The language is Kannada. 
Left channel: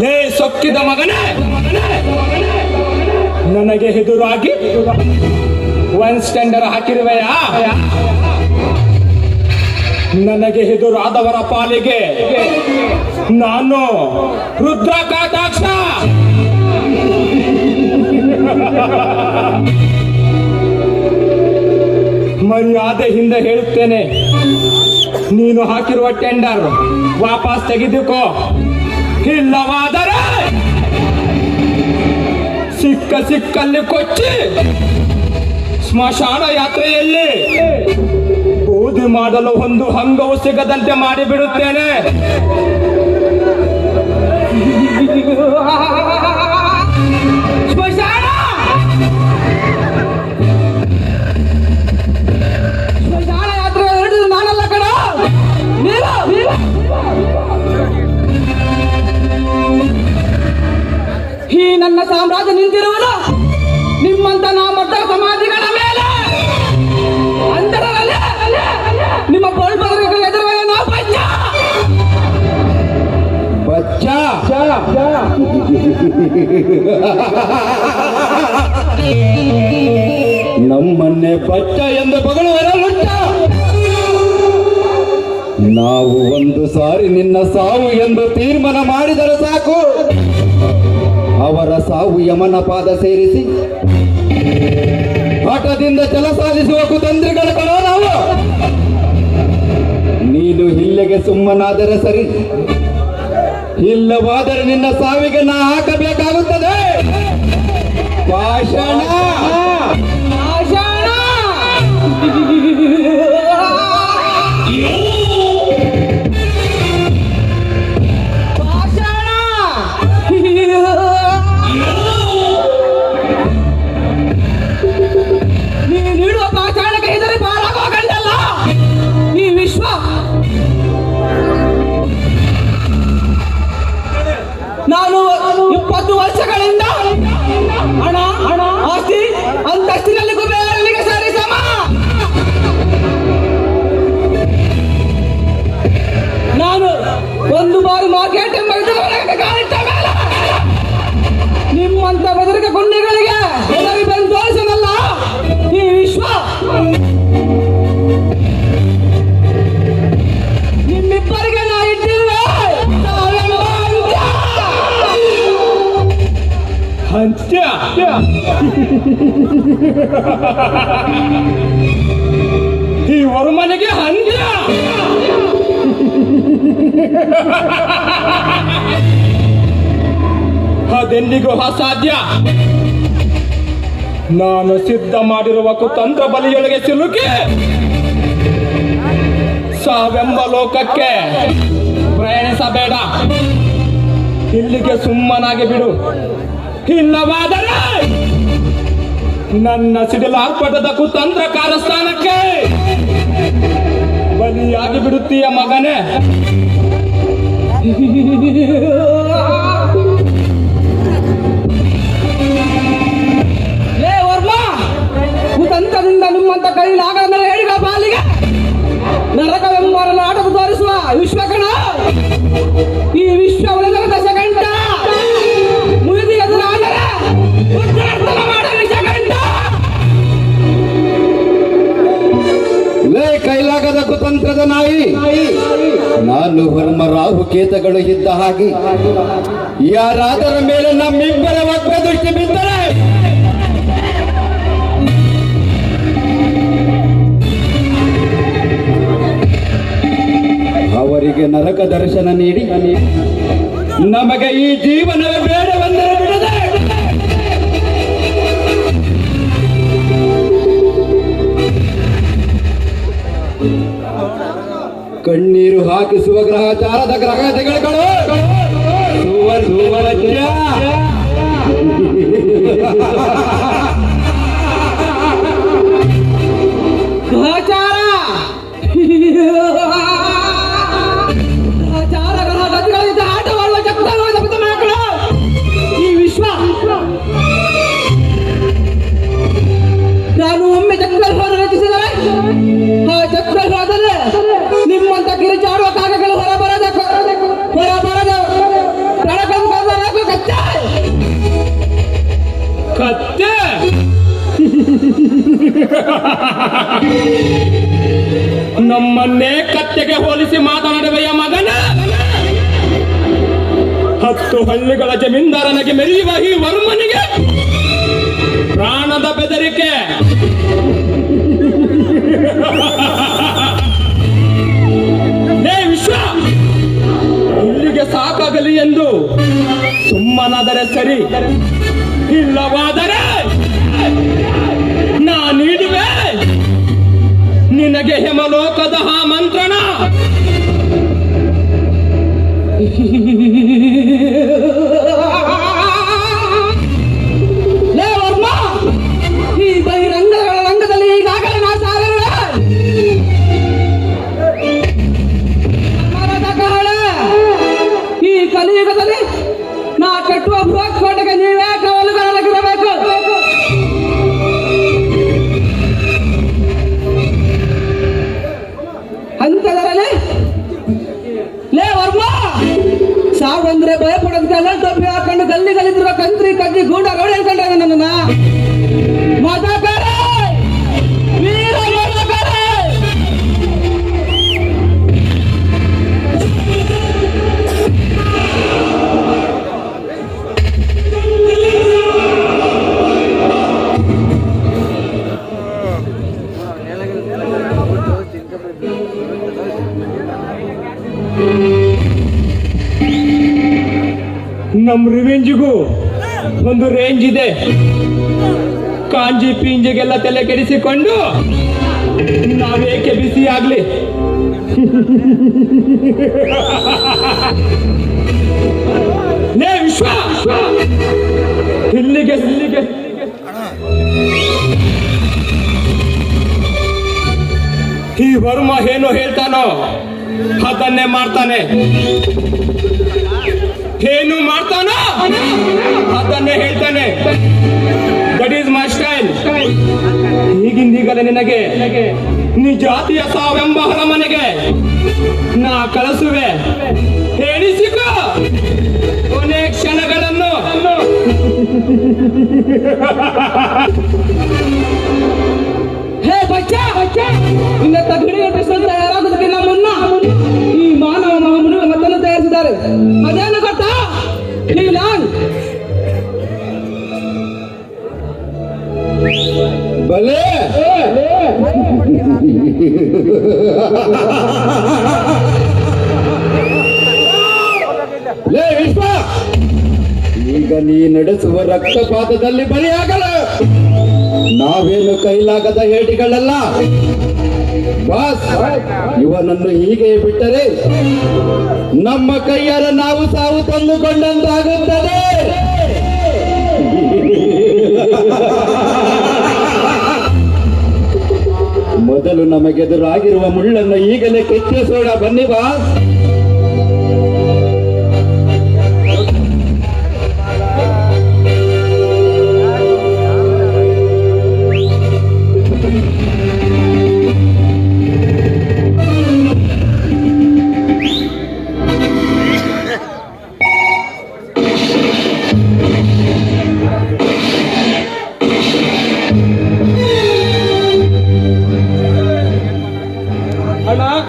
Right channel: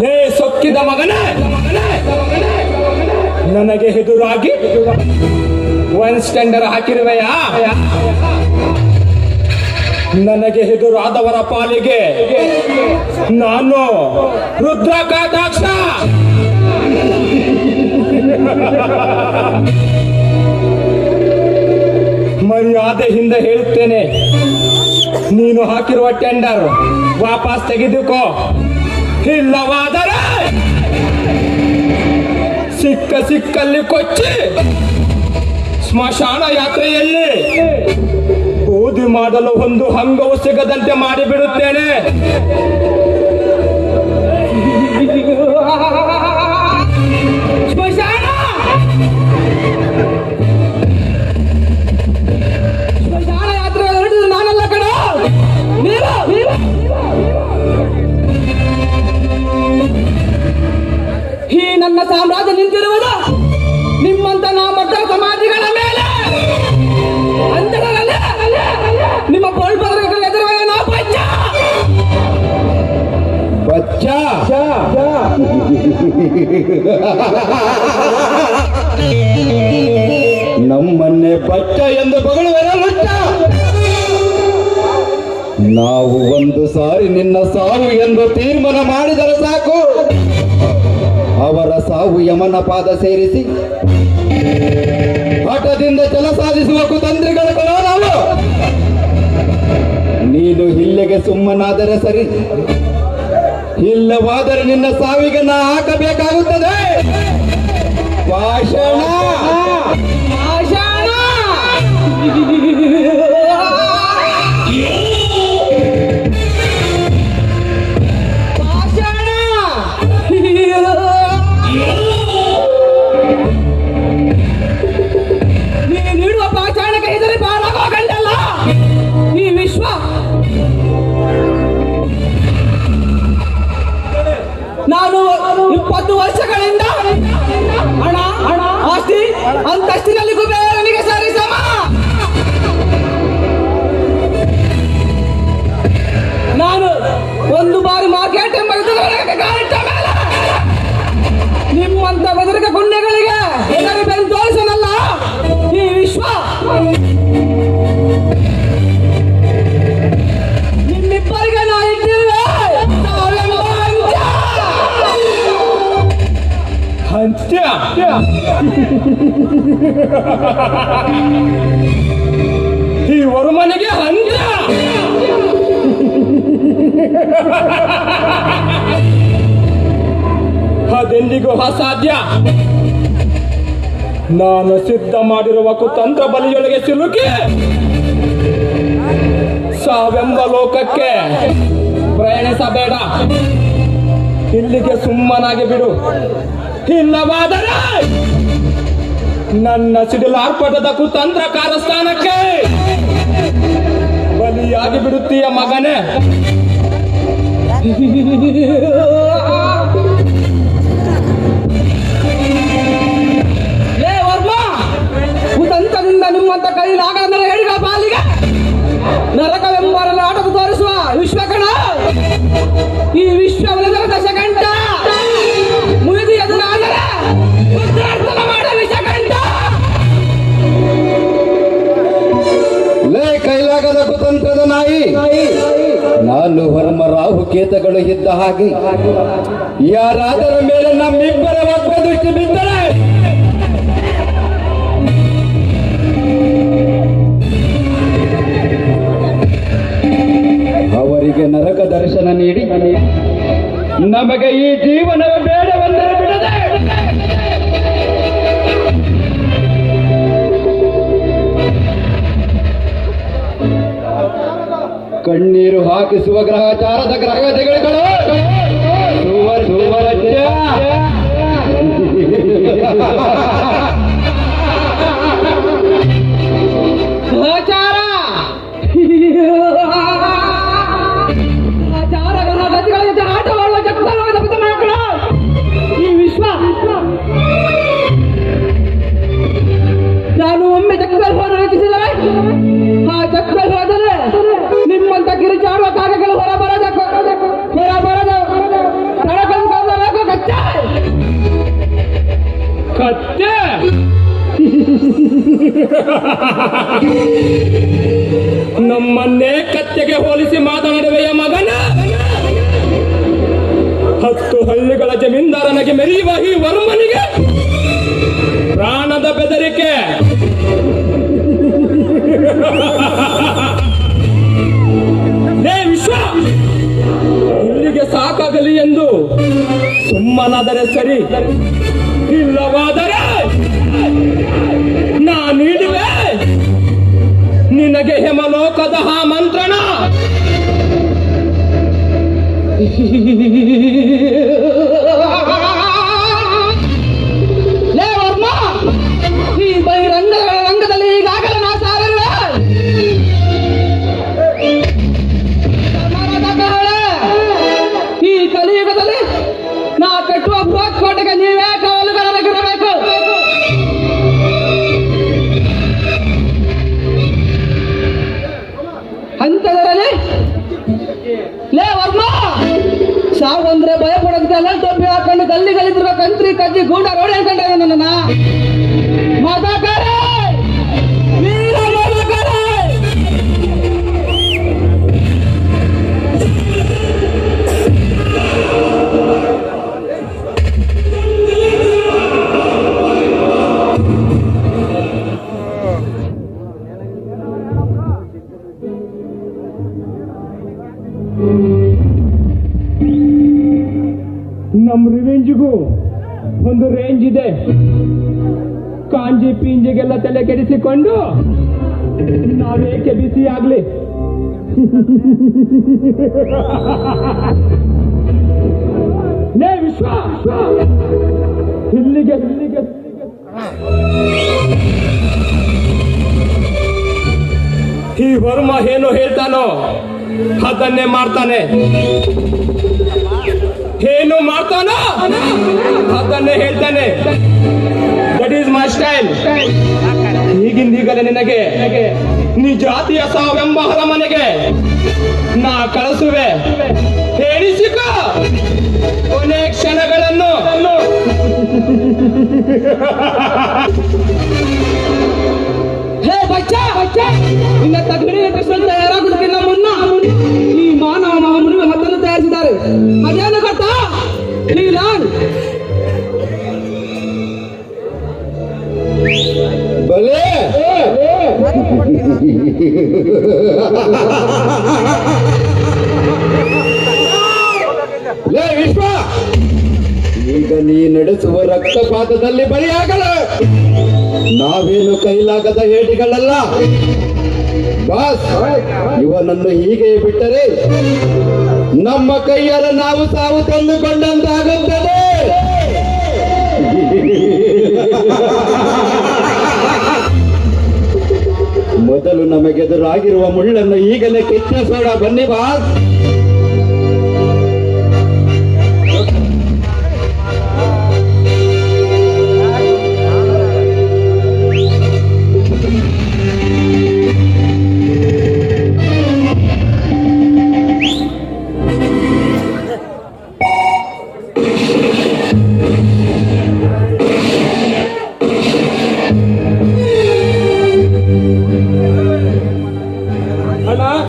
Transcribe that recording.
ಲೇ ಸೊಕ್ಕಿದ ಮಗನೇ, ನನಗೆ ಎದುರಾಗಿ ಒನ್ ಸ್ಟ್ಯಾಂಡರ್ ಹಾಕಿರುವೆಯಾ? ನನಗೆ ಎದುರಾದವರ ಪಾಲಿಗೆ ನಾನು ರುದ್ರ ಕಾಟಾಕ್ಷ ಮರ್ಯಾದೆಯಿಂದ ಹೇಳುತ್ತೇನೆ, ನೀನು ಹಾಕಿರುವ ಟೆಂಡರ್ ವಾಪಸ್ ತೆಗೆದುಕೋ. ಇಲ್ಲವಾದರೆ ಸಿಕ್ಕ ಸಿಕ್ಕಲ್ಲಿ ಕೊಚ್ಚಿ ಸ್ಮಶಾನ ಯಾತ್ರೆಯಲ್ಲಿ ಬೂದಿ ಮಾಡಲು ಒಂದು ಹಂಗವು ಸಿಗದಂತೆ ಮಾಡಿಬಿಡುತ್ತೇನೆ. ನಾವು ಒಂದು ಸಾರಿ ನಿನ್ನ ಸಾವು ಎಂದು ತೀರ್ಮಾನ ಮಾಡಿದರೆ ಸಾಕು. ಅವರ ಸಾವು ಯಮನ ಪಾದ ಸೇರಿಸಿ ಹಠದಿಂದ ಜಲ ಸಾಧಿಸುವ ಕುತಂತ್ರಿಗಳ ನಾವು ನೀನು ಇಲ್ಲಿಗೆ ಸುಮ್ಮನಾದರೆ ಸರಿ. ಇಲ್ಲವಾದರೆ ನಿನ್ನ ಸಾವಿಗೆ ನಾ ಹಾಕಬೇಕಾಗುತ್ತದೆ. ಭಾಷಣ ಅಂತ್ಯ ಈ ವರುಮನೆಗೆ ಅಂತ್ಯ ಅದೆಂದಿಗೂ ಅಸಾಧ್ಯ. ನಾನು ಸಿದ್ಧ ಮಾಡಿರುವ ಕುತಂತ್ರ ಬಲಿಯೊಳಗೆ ಸಿಲುಕಿ, ಸಾವೆಂಬ ಲೋಕಕ್ಕೆ ಪ್ರಯಾಣಿಸಬೇಡ. ಇಲ್ಲಿಗೆ ಸುಮ್ಮನಾಗಿ ಬಿಡು. ಇಲ್ಲವಾದರೆ ನನ್ನ ಸಿಡಿಲಾರ್ಪಟದ ಕುತಂತ್ರ ಕಾರಸ್ಥಾನಕ್ಕೆ ಬಲಿಯಾಗಿ ಬಿಡುತ್ತೀಯ ಮಗನೇ. ಕೈಲಾಗದ ಕುತಂತ್ರದ ನಾಯಿ. ನಾನು ಹರ್ಮ ರಾಹು ಕೇತಗಳು ಇದ್ದ ಹಾಗೆ ಯಾರಾದರ ಮೇಲೆ ನಮ್ಮಿಬ್ಬರ ವಕ್ರ ದೃಷ್ಟಿ ಬಿದ್ದರೆ? ಅವರಿಗೆ ನರಕ ದರ್ಶನ ನೀಡಿ. ನಮಗೆ ಈ ಜೀವನದ ಕಣ್ಣೀರು ಹಾಕಿಸುವ ಗ್ರಹಚಾರದ ಗ್ರಹತೆಗಳು ಸುವರ್ ಸುವರತ್ಯ ನಮ್ಮನ್ನೇ ಕತ್ತೆಗೆ ಹೋಲಿಸಿ ಮಾತನಾಡುವೆಯ ಮಗನ. ಹತ್ತು ಹಳ್ಳಿಗಳ ಜಮೀನ್ದಾರನಿಗೆ ಮೆರೆಯುವ ಈ ವರ್ಮನಿಗೆ ನಮ್ ರಿವೆಂಜಿಗೂ ಒಂದು ರೇಂಜ್ ಇದೆ. ಕಾಂಜಿ ಪಿಂಜಿಗೆಲ್ಲ ತಲೆ ಕೆಡಿಸಿಕೊಂಡು ನಾವೇಕೆ ಬಿಸಿ ಆಗ್ಲಿ? ಅದನ್ನೇ ಮಾಡ್ತಾನೆ. ಏನು ಮಾಡ್ತಾನೋ? ಅದನ್ನೇ ಹೇಳ್ತಾನೆ. ದಟ್ ಈಸ್ ಮೈ ಸ್ಟೈಲ್ ಈಗಿಂದೀಗಲೇ ನಿನಗೆ ನೀ ಜಾತಿಯ ಸಾವೆಂಬ ಹರಮನೆಗೆ ನಾ ಕಳಿಸುವೆ. ಕ್ಷಣಗಳನ್ನು. ಹೇ ಬಚ್ಚ! ಬಚ್ಚ ನಿನ್ನ ತಗಡಿಯ ಪಿಸ್ತಲ್ ನಡೆಸುವ ರಕ್ತಪಾತದಲ್ಲಿ ಬಲಿಯಾಗಲ. ನಾವೇನು ಕೈಲಾಗದ ಹೇಳಿಗಳಲ್ಲ ಬಾಸ್, ಇವನನ್ನು ಹೀಗೆ ಬಿಟ್ಟರೆ ನಮ್ಮ ಕೈಯರ ನಾವು ಸಾವು ತಂದುಕೊಂಡಂತಾಗುತ್ತದೆ. ಮೊದಲು ನಮಗೆದುರಾಗಿರುವ ಮುಳ್ಳನ್ನು ಈಗಲೇ ಕೆತ್ತಿಸೋಣ ಬನ್ನಿ ಬಾಸ್.